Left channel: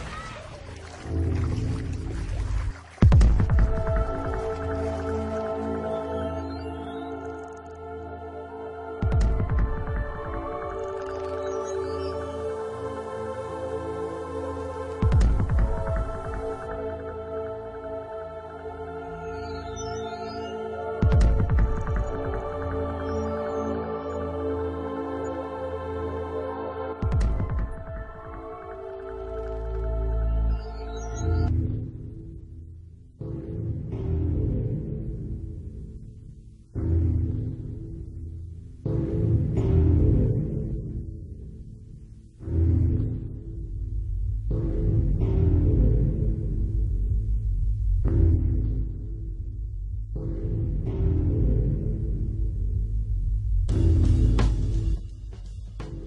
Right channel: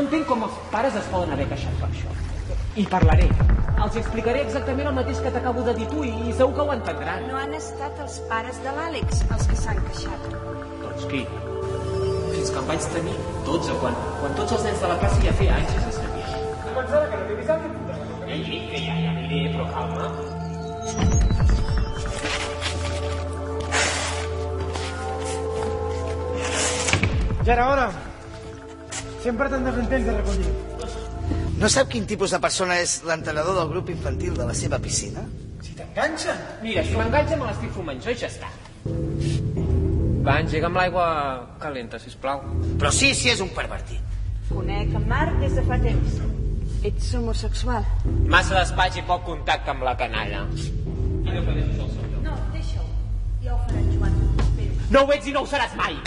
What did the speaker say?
No entenc com els pares es poden haver queixat per això. I parlaré. Els explicaré exactament el mateix que t'acabo de dir tu i segur que ho entendran. No han estat els pares de l'Àlex els que s'han queixat. Doncs qui? Fins que em vaig tenir 12, quan tots els nens de la classe ja feia anys que se sabien. Pensava que no t'he avisat que puta. Que ja diré, però calma. Ja era hora. Sempre tan de temps de recollir. No sap quin tipus de persona és l'entrenador del grup infantil de la seva piscina? Si t'enganxa. Mira, si m'enganxa me l'estic fumant jo i ja està. Va, engega'm l'aigua calenta, sisplau. Però sí, és un pervertit. Conec en Marc des de fa temps. Ets homosexual. Massa despatx i poc contacte amb la canalla. No, deixa-ho. Ja ho farà Joan. No ho ets i no ho seràs mai.